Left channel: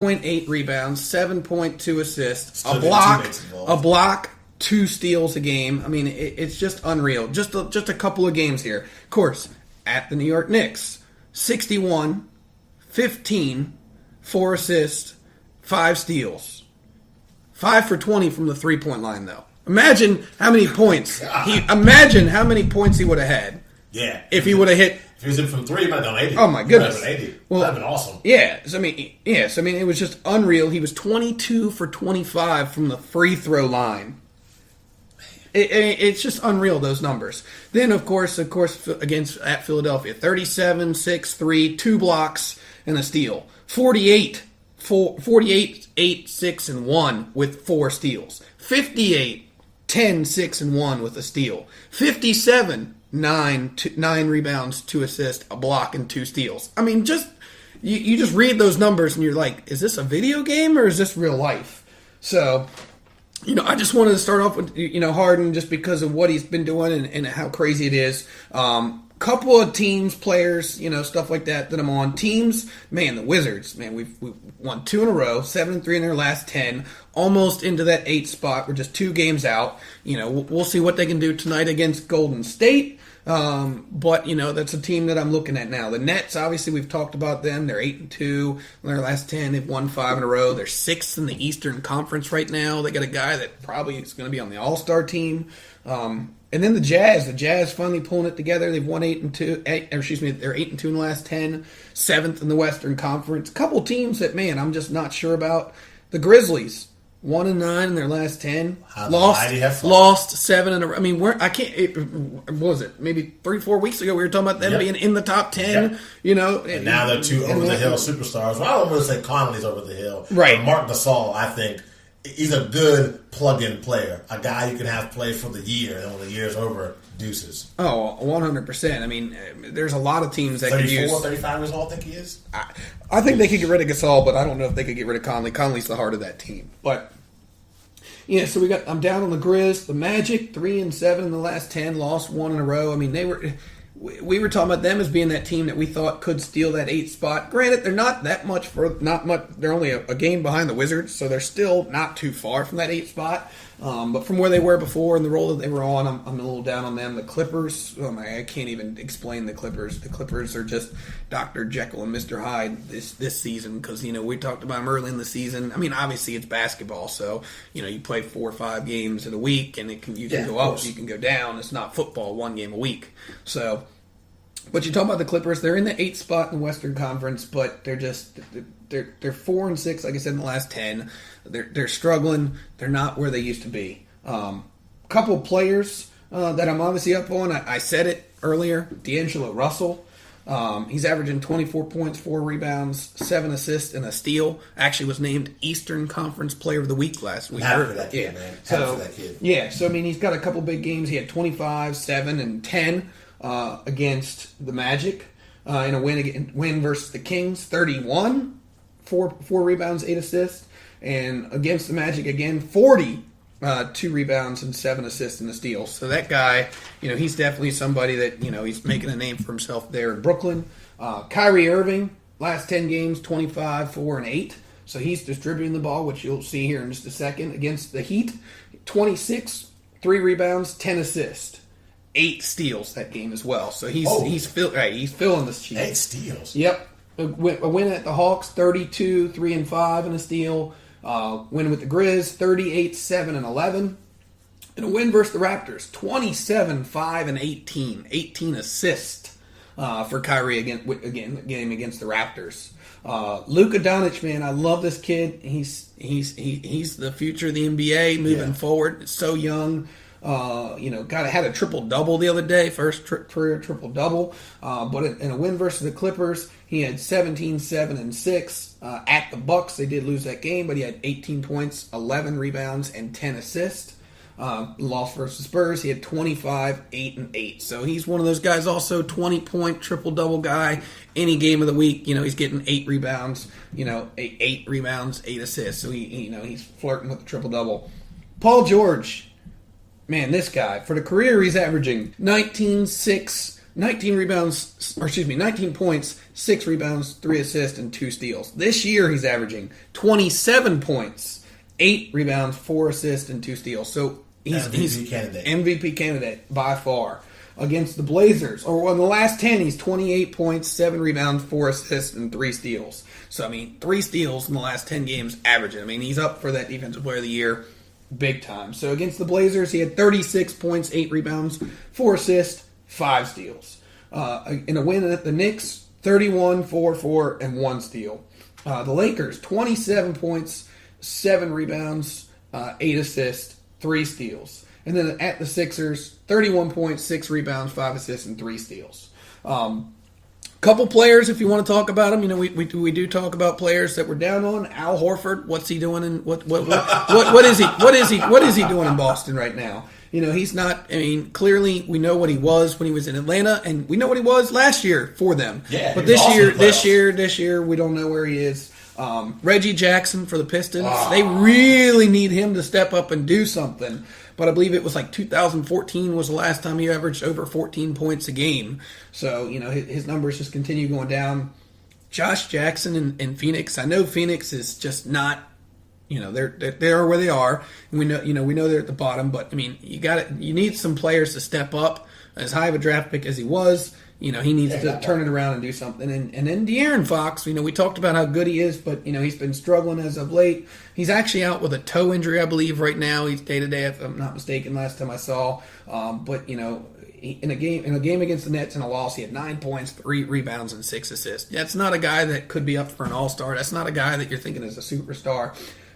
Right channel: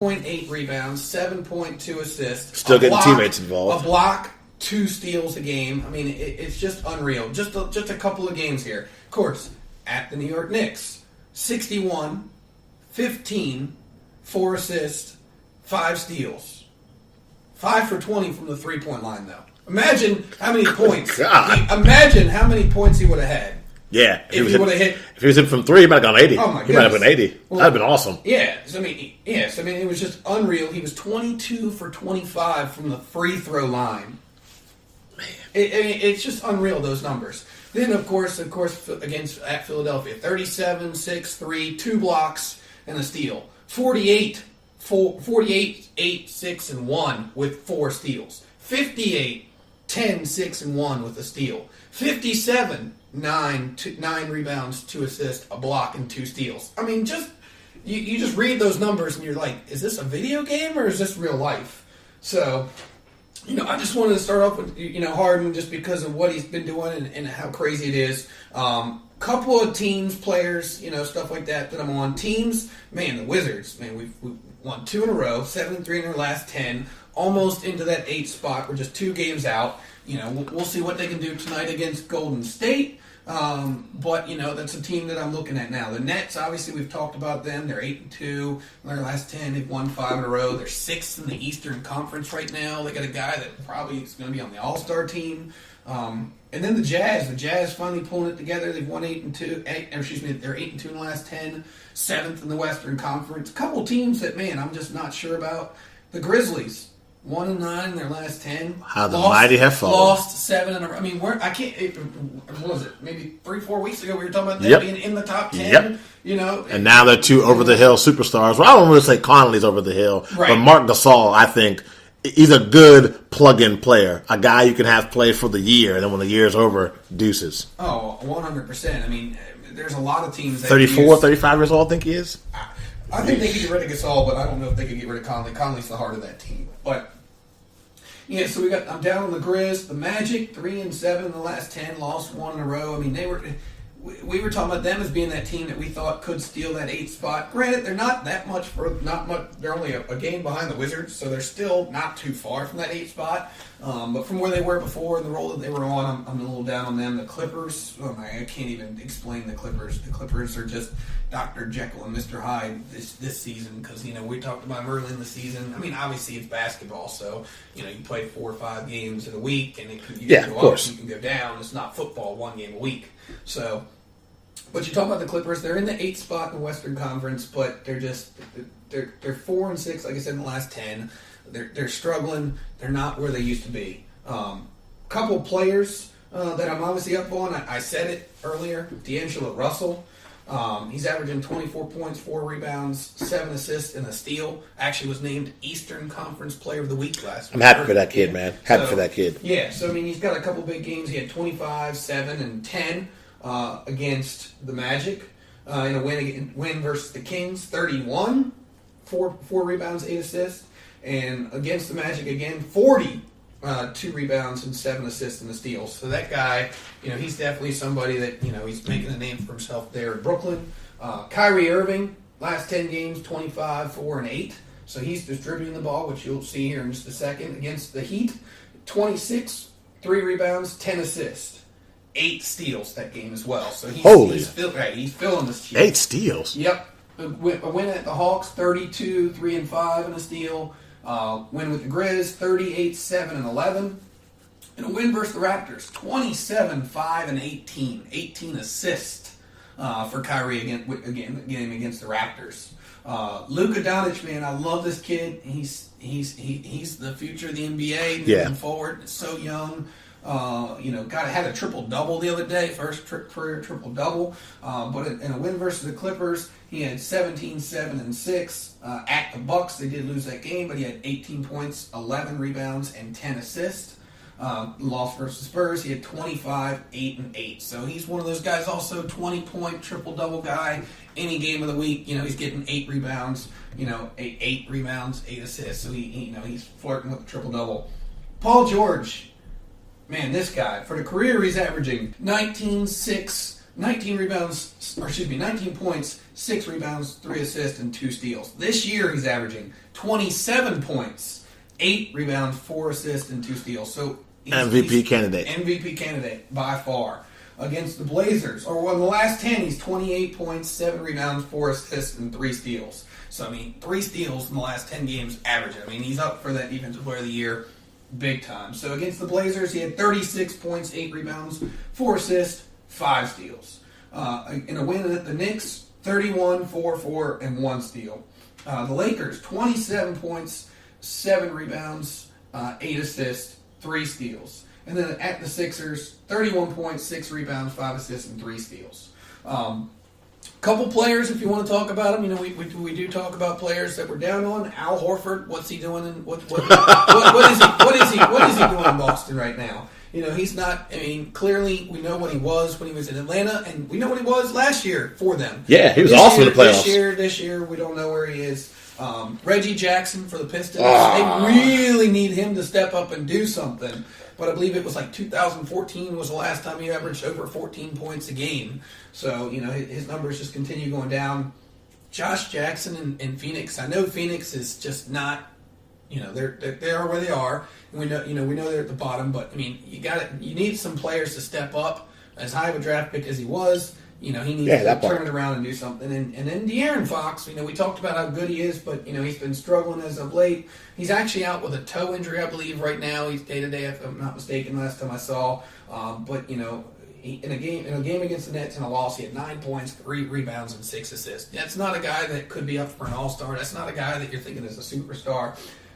8 rebounds, 7.2 assists. Still getting teammates involved. A block, 2 steals a game. I mean, it's just unreal. Just a couple of games here. Of course, at the New York Knicks, 61, 15, 4 assists, 5 steals. 5 for 20 from the three-point line, though. Imagine how many points. Imagine how many points he would have had. Yeah. If he would have hit. If he was in from 3, he might have gone 80. Oh, my goodness. He might have been 80. Well, that would have been awesome. Yeah. So, I mean, it was just unreal. He was 22 for 25 from the free throw line. It's just unreal, those numbers. Then, of course, against at Philadelphia, 37, 6, 3, 2 blocks, and a steal. 48, 8, 6, and 1 with 4 steals. 58, 10, 6, and 1 with a steal. 57, 9 rebounds, 2 assists, a block, and 2 steals. I mean, you just read those numbers and you're like, is this a video game or is this real life? So, I just wanted to start off with, Harden just because of what he's been doing and how crazy it is. Couple of teams, players, stuff like that I'm on. Teams, man, the Wizards, man, we've won 2 in a row, 7-3 in their last 10, almost into that 8th spot. We're just 2 games out. We'll see what they can do tonight against Golden State. But that's a team that I'm looking at now. The Nets, obviously, we've talked about them. They're 8-2 in their last 10. They've won 5 in a row. They're 6th in the Eastern Conference right now. They got a guy that probably is going to be on the All-Star team. And then the Jazz finally pulling it together. They've won 8-2. They're 8-2 in the last 10. 7th in the Western Conference. A couple teams that, man, I'm just not sure about. The Grizzlies. 1-9 in their last 10. How the mighty have fallen. Lost 7 in a row. I mean, I can't. What was it? Maybe 3-4 weeks ago we were talking about them being in the top 10. Yep. And now they're 2 over the hill superstars. Well, I don't want to say Conley's over the hill, right. But Marc Gasol, I think, he's a good plug-in player. A guy you can have play for the year, and then when the year's over, deuces. Oh, 100%. I mean, there's a lot of teams that 34, 35 years old, I think he is. I think they could get rid of Gasol, but I don't know if they could get rid of Conley. Conley's the heart of that team. But, so I'm down on the Grizz. The Magic, 3-7 in the last 10, lost 1 in a row. I mean, we were talking about them as being that team that we thought could steal that 8th spot. Granted, they're not much. They're only a game behind the Wizards, so they're still not too far from that 8th spot. But from where they were before and the role that they were on, I'm a little down on them. The Clippers, I can't even explain the Clippers. The Clippers are just Dr. Jekyll and Mr. Hyde this season because, we talked about them early in the season. I mean, obviously it's basketball, so, you play 4 or 5 games in a week and you can go up, you can go down. It's not football, 1 game a week. So, but you talk about the Clippers, they're in the 8th spot in the Western Conference, but they're 4-6, like I said, in the last 10. They're struggling. They're not where they used to be. Couple of players that I'm obviously up on. I said it earlier. D'Angelo Russell. He's averaging 24 points, 4 rebounds, 7 assists, and a steal. Actually was named Eastern Conference Player of the Week last week. I'm happy for that kid, man. Happy for that kid. Yeah, so, I mean, he's got a couple big games. He had 25, 7, and 10 against the Magic in a win versus the Kings. 31, 4 rebounds, 8 assists. And against the Magic again, 40, 2 rebounds and 7 assists and a steal. So that guy, he's definitely somebody that, he's making a name for himself there in Brooklyn. Kyrie Irving, last 10 games, 25, 4, and 8. So he's distributing the ball, which you'll see here in just a second. Against the Heat, 26, 3 rebounds, 10 assists. 8 steals that game as well. So he's filling this sheet. 8 steals? Yep. A win at the Hawks, 32, 3 and 5 and a steal. Win with the Grizz, 38, 7 and 11. And a win versus the Raptors, 27, 5 and 18. 18 assists for Kyrie again against the Raptors. Luka Doncic, man, I love this kid. He's the future of the NBA moving forward. So young. Had a triple-double the other day, first career triple-double. But in a win versus the Clippers, he had 17, 7, and 6. At the Bucks, they did lose that game, but he had 18 points, 11 rebounds, and 10 assists. Lost versus Spurs, he had 25, 8, and 8. So he's one of those guys also, 20-point triple-double guy. Any game of the week, he's getting 8 rebounds, 8 rebounds, 8 assists. So he's flirting with the triple-double. Paul George. Man, this guy, for the career, he's averaging 19 points, 6 rebounds, 3 assists, and 2 steals. This year, he's averaging 27 points, 8 rebounds, 4 assists, and 2 steals. So he's MVP candidate. MVP candidate by far. Against the Blazers, or in the last 10, he's 28 points, 7 rebounds, 4 assists, and 3 steals. So, I mean, 3 steals in the last 10 games averaging. I mean, he's up for that Defensive Player of the Year big time. So, against the Blazers, he had 36 points, 8 rebounds, 4 assists, 5 steals. In a win at the Knicks, 31, 4, and 1 steal. The Lakers, 27 points, 7 rebounds, 8 assists, 3 steals. And then at the Sixers, 31 points, 6 rebounds, 5 assists, and 3 steals. Couple players, if you want to talk about them, you know, we do talk about players that we're down on. Al Horford, what's he doing? And what is he doing in Boston right now? You know, he's not. I mean, clearly we know what he was when he was in Atlanta, and we know what he was last year for them. Yeah, he was awesome in the playoffs. This year, we don't know where he is. Reggie Jackson for the Pistons. They really need him to step up and do something. But I believe it was like 2014 was the last time he averaged over 14 points a game. So, you know, his numbers just continue going down. Josh Jackson in Phoenix. I know Phoenix is just not, you know, they are where they are. And we know they're at the bottom. But I mean, you need some players to step up. As high of a draft pick as he was, you know, he needs to turn it around and do something. And then De'Aaron Fox, you know, we talked about how good he is, but, you know, he's been struggling as of late. He's actually out with a toe injury, I believe, right now. He's day-to-day, if I'm not mistaken, last time I saw. But, you know, in a game against the Nets in a loss, he had 9 points, 3 rebounds, and 6 assists. That's not a guy that could be up for an all-star. That's not a guy that you're thinking is a superstar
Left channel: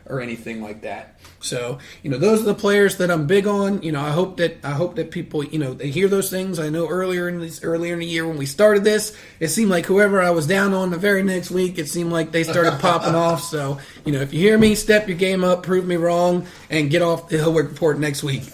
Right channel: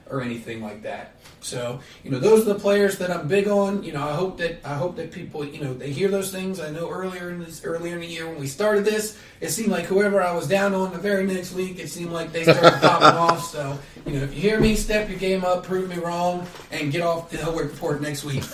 or anything like that. So, you know, those are the players that I'm big on. You know, I hope that people, you know, they hear those things. I know earlier in the year when we started this, it seemed like whoever I was down on the very next week, it seemed like they started popping off. So, you know, if you hear me, step your game up, prove me wrong, and get off the Hillward Report next week.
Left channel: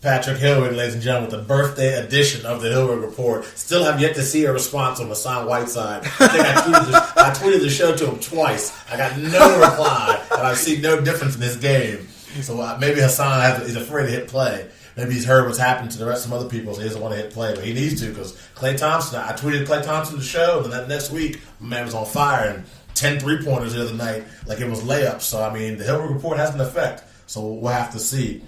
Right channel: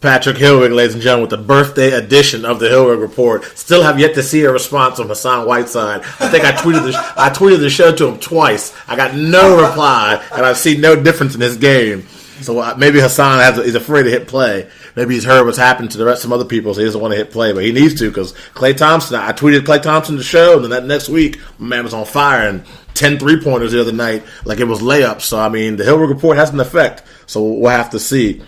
Patrick Hilwig, ladies and gentlemen, with the birthday edition of the Hilwig Report. Still have yet to see a response from Hassan Whiteside. I think I tweeted the show to him twice. I got no reply, and I've seen no difference in his game. So maybe Hassan is afraid to hit play. Maybe he's heard what's happened to the rest of some other people, so he doesn't want to hit play. But he needs to, because Klay Thompson, I tweeted Klay Thompson the show, and then that next week, my man was on fire, and 10 3-pointers the other night, like it was layups. So, I mean, the Hilwig Report has an effect, so we'll have to see.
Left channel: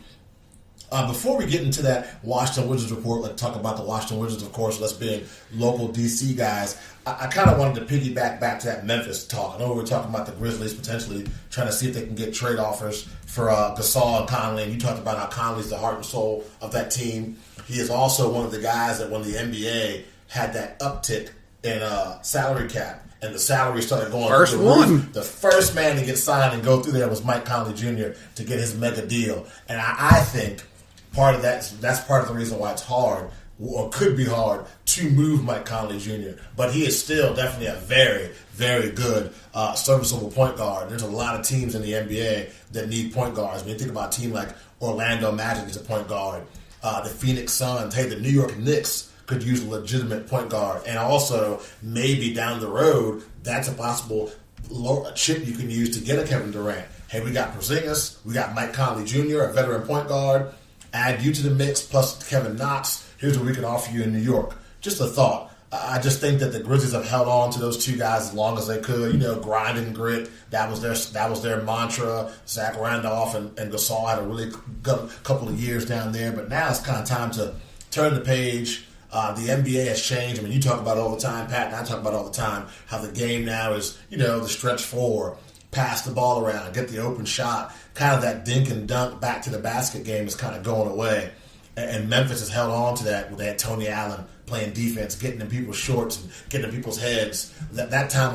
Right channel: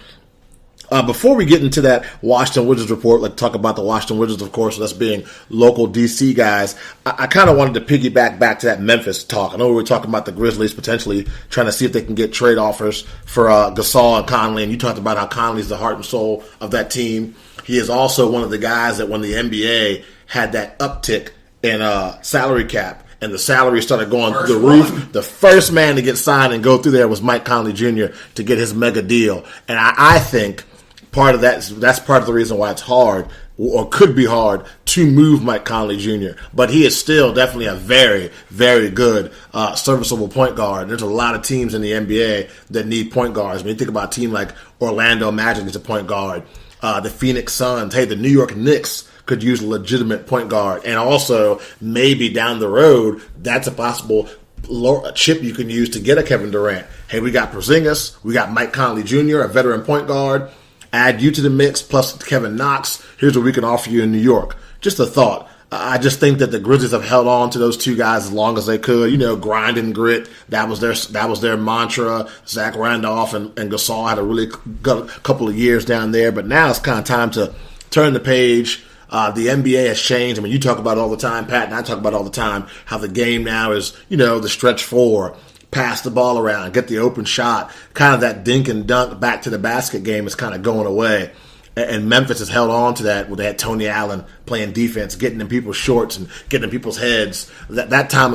Before we get into that Washington Wizards report, like talk about the Washington Wizards, of course, and us being local DC guys, I kind of wanted to piggyback back to that Memphis talk. I know we were talking about the Grizzlies potentially trying to see if they can get trade offers for Gasol and Conley, and you talked about how Conley's the heart and soul of that team. He is also one of the guys that when the NBA had that uptick in salary cap, and the salary started going through the roof, the first man to get signed and go through there was Mike Conley Jr. to get his mega deal. And I think part of that's part of the reason why it's hard, or could be hard, to move Mike Conley Jr. But he is still definitely a very, very good, serviceable point guard. There's a lot of teams in the NBA that need point guards. When you think about a team like Orlando Magic needs a point guard, the Phoenix Suns, hey, the New York Knicks could use a legitimate point guard. And also, maybe down the road, that's a possible chip you can use to get a Kevin Durant. Hey, we got Porzingis, we got Mike Conley Jr., a veteran point guard. Add you to the mix, plus Kevin Knox. Here's what we can offer you in New York. Just a thought. I just think that the Grizzlies have held on to those two guys as long as they could. You know, grind and grit. That was their mantra. Zach Randolph and Gasol had a really good couple of years down there. But now it's kind of time to turn the page. The NBA has changed. I mean, you talk about it all the time, Pat, and I talk about it all the time, how the game now is, you know, the stretch four. Pass the ball around, get the open shot. Kind of that dink and dunk back to the basket game is kind of going away. And Memphis has held on to that where they had Tony Allen playing defense, getting in people's shorts and getting in people's heads. That time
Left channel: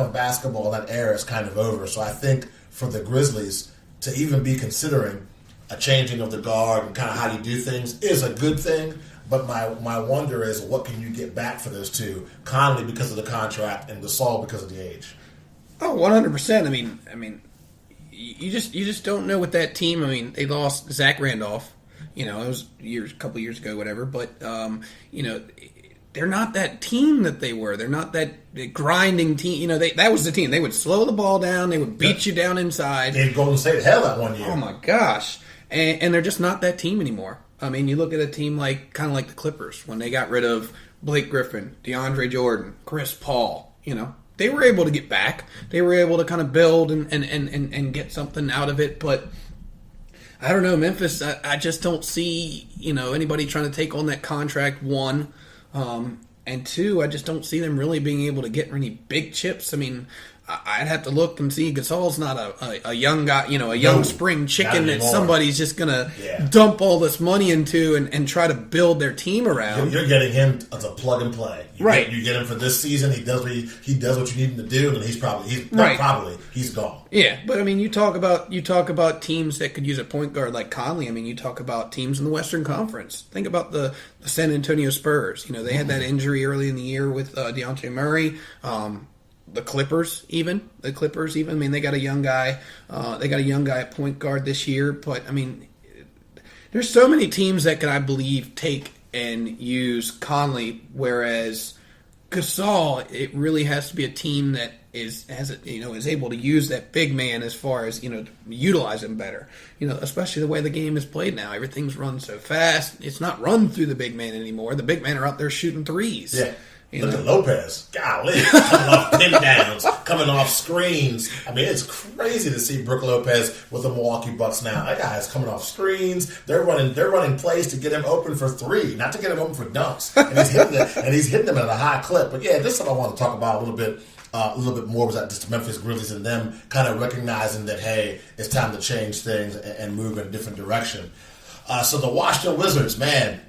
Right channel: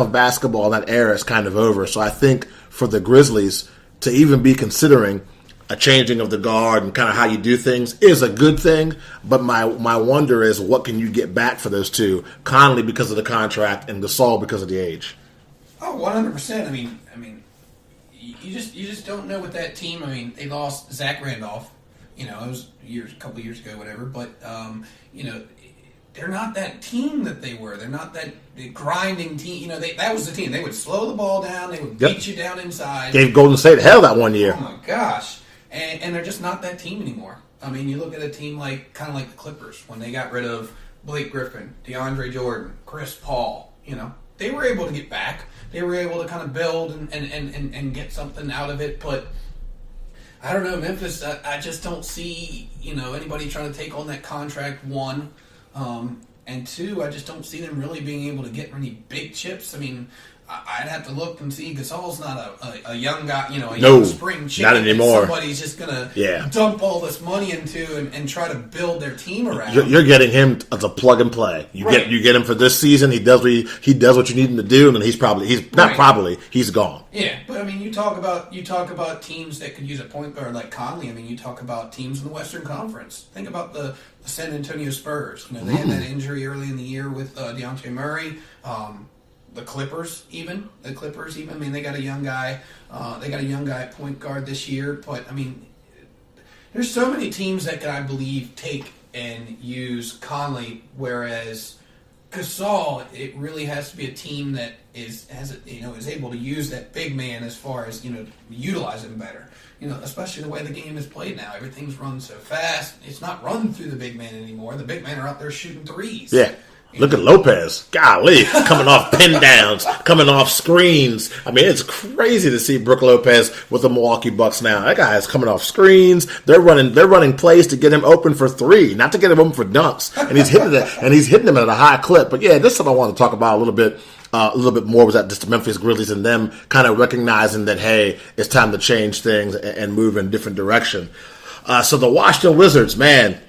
of basketball, that era is kind of over. So I think for the Grizzlies to even be considering a changing of the guard and kind of how you do things is a good thing. But my wonder is, what can you get back for those two? Conley because of the contract and Gasol because of the age. Oh, 100%. I mean, you just don't know with that team. I mean, they lost Zach Randolph. You know, it was a couple years ago, whatever. But you know, they're not that team that they were. They're not that grinding team. You know, that was the team. They would slow the ball down. They would beat you down inside. Gave Golden State hell that one year. Oh my gosh! And they're just not that team anymore. I mean, you look at a team kind of like the Clippers when they got rid of Blake Griffin, DeAndre Jordan, Chris Paul. You know, they were able to get back. They were able to kind of build and get something out of it. But I don't know, Memphis. I just don't see anybody trying to take on that contract. One, and two, I just don't see them really being able to get any big chips. I mean, I'd have to look and see. Gasol's not a young guy, a young spring chicken that somebody's just going to dump all this money into and try to build their team around. You're getting him as a plug and play. You get him for this season. He does what you need him to do, and then he's gone. Yeah, but I mean, you talk about teams that could use a point guard like Conley. I mean, you talk about teams in the Western Conference. Think about the San Antonio Spurs. They had that injury early in the year with DeJounte Murray. The Clippers, even. I mean, they got a young guy. They got a young guy at point guard this year. But, I mean, there's so many teams that can, I believe, take and use Conley, whereas Gasol, it really has to be a team that is able to use that big man as far as, utilize him better. Especially the way the game is played now. Everything's run so fast. It's not run through the big man anymore. The big men are out there shooting threes. Yeah. Look at Lopez. Golly, coming off pin downs, coming off screens. I mean, it's crazy to see Brook Lopez with the Milwaukee Bucks now. That guy is coming off screens. They're running plays to get him open for three, not to get him open for dunks. And he's hitting them at a high clip. But yeah, this is what I want to talk about a little bit more was that just the Memphis Grizzlies and them kind of recognizing that, hey, it's time to change things and move in a different direction. So the Washington Wizards, man,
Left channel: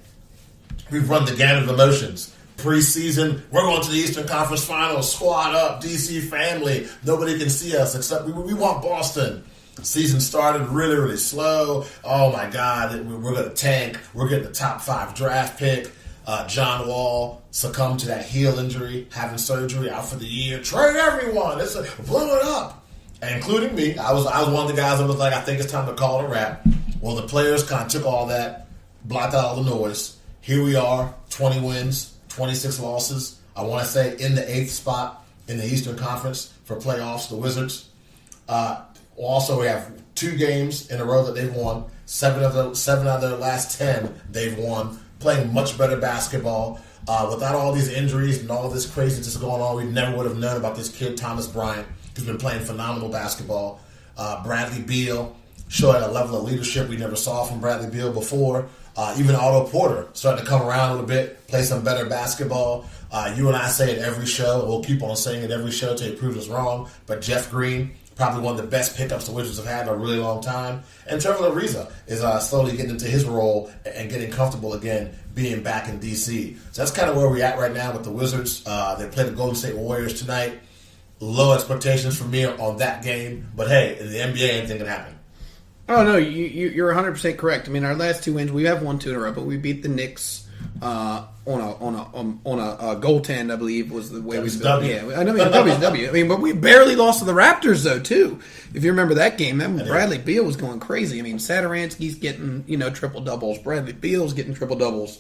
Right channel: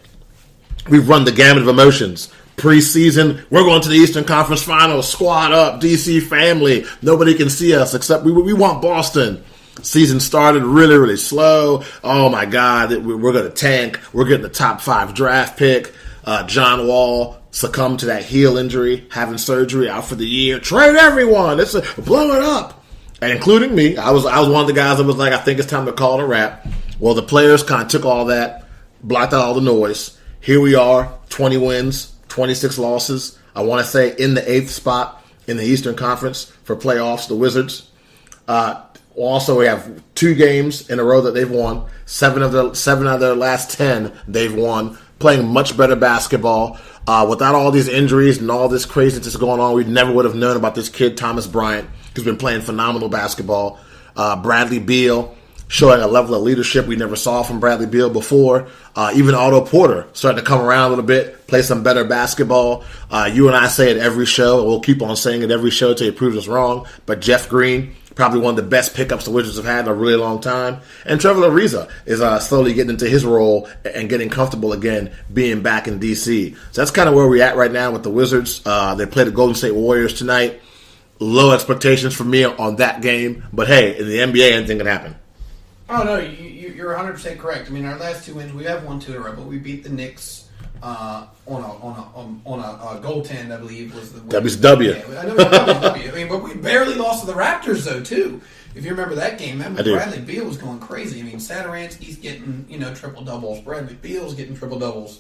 we've run the gamut of emotions. Preseason, we're going to the Eastern Conference Finals. Squad up, DC family. Nobody can see us except we want Boston. Season started really, really slow. Oh my God, we're going to tank. We're getting the top 5 draft pick. John Wall succumbed to that heel injury, having surgery, out for the year. Trade everyone. Blow it up. And including me, I was one of the guys that was like, I think it's time to call it a wrap. Well, the players kind of took all that, blocked out all the noise. Here we are, 20 wins. 26 losses. I want to say in the 8th spot in the Eastern Conference for playoffs, the Wizards. Also, we have 2 games in a row that they've won. 7 of their last 10 they've won. Playing much better basketball. Without all these injuries and all this craziness going on, we never would have known about this kid, Thomas Bryant, who's been playing phenomenal basketball. Bradley Beal showing a level of leadership we never saw from Bradley Beal before. Even Otto Porter starting to come around a little bit, play some better basketball. You and I say it every show. We'll keep on saying it every show until you prove us wrong. But Jeff Green, probably one of the best pickups the Wizards have had in a really long time. And Trevor Ariza is slowly getting into his role and getting comfortable again, being back in D.C. So that's kind of where we're at right now with the Wizards. They play the Golden State Warriors tonight. Low expectations for me on that game. But hey, in the NBA, anything can happen. Oh, no, you're 100% correct. I mean, our last 2 wins, we have won 2 in a row, but we beat the Knicks on a goaltend, I believe, was the win. WCW. Yeah, I know, WCW. I mean, but we barely lost to the Raptors, though, too. If you remember that game, Bradley Beal was going crazy. I mean, Satoransky's getting, triple-doubles. Bradley Beal's getting triple-doubles.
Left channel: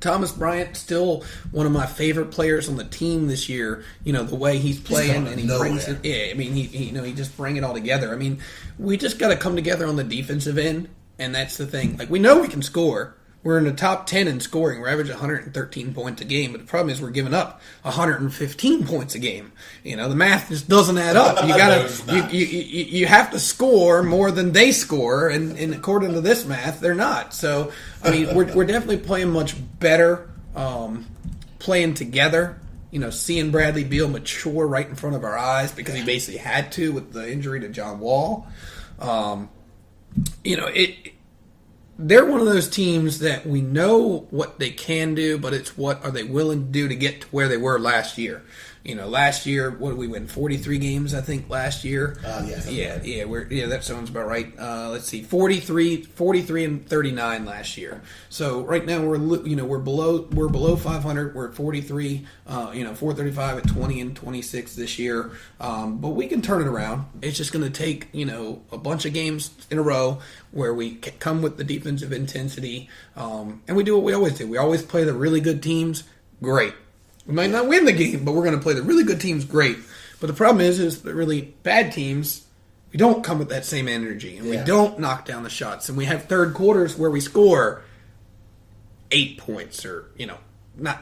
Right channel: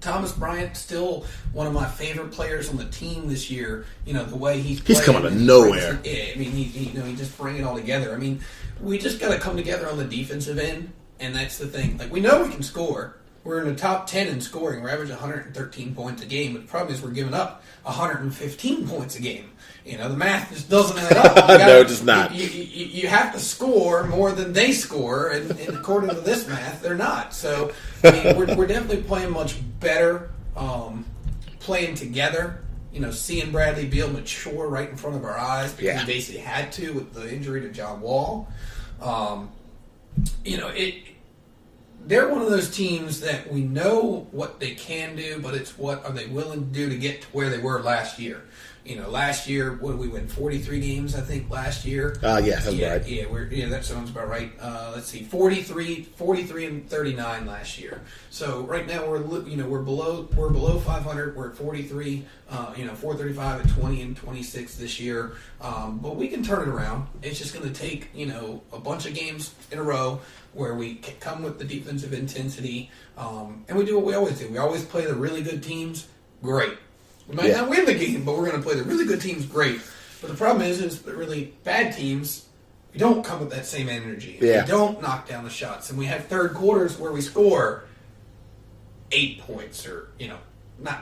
Thomas Bryant, still one of my favorite players on the team this year. The way he's playing. He's coming out of nowhere. I mean, he just bring it all together. I mean, we just got to come together on the defensive end, and that's the thing. Like, we know we can score. We're in the top 10 in scoring. We're averaging 113 points a game, but the problem is we're giving up 115 points a game. The math just doesn't add up. No, it's just not. You have to score more than they score, and according to this math, they're not. So, I mean, we're definitely playing much better, playing together. Seeing Bradley Beal mature right in front of our eyes because he basically had to with the injury to John Wall. They're one of those teams that we know what they can do, but it's what are they willing to do to get to where they were last year. Last year, what did we win? 43 games, I think, last year. Yeah, that's right. Yeah, that sounds about right. Let's see, 43 and 39 last year. So right now we're below 500. We're at 43. 435 at 20 and 26 this year. But we can turn it around. It's just going to take a bunch of games in a row where we come with the defensive intensity, and we do what we always do. We always play the really good teams. Great. We might not win the game, but we're going to play the really good teams great. But the problem is the really bad teams, we don't come with that same energy. We don't knock down the shots. And we have third quarters where we score 8 points or,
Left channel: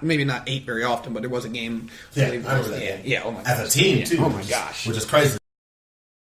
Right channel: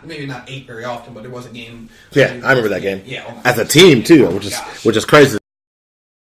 maybe not 8 very often, but there was a game. Yeah, I remember that game. Yeah, oh my as a gosh. team too, Oh my which gosh. is crazy.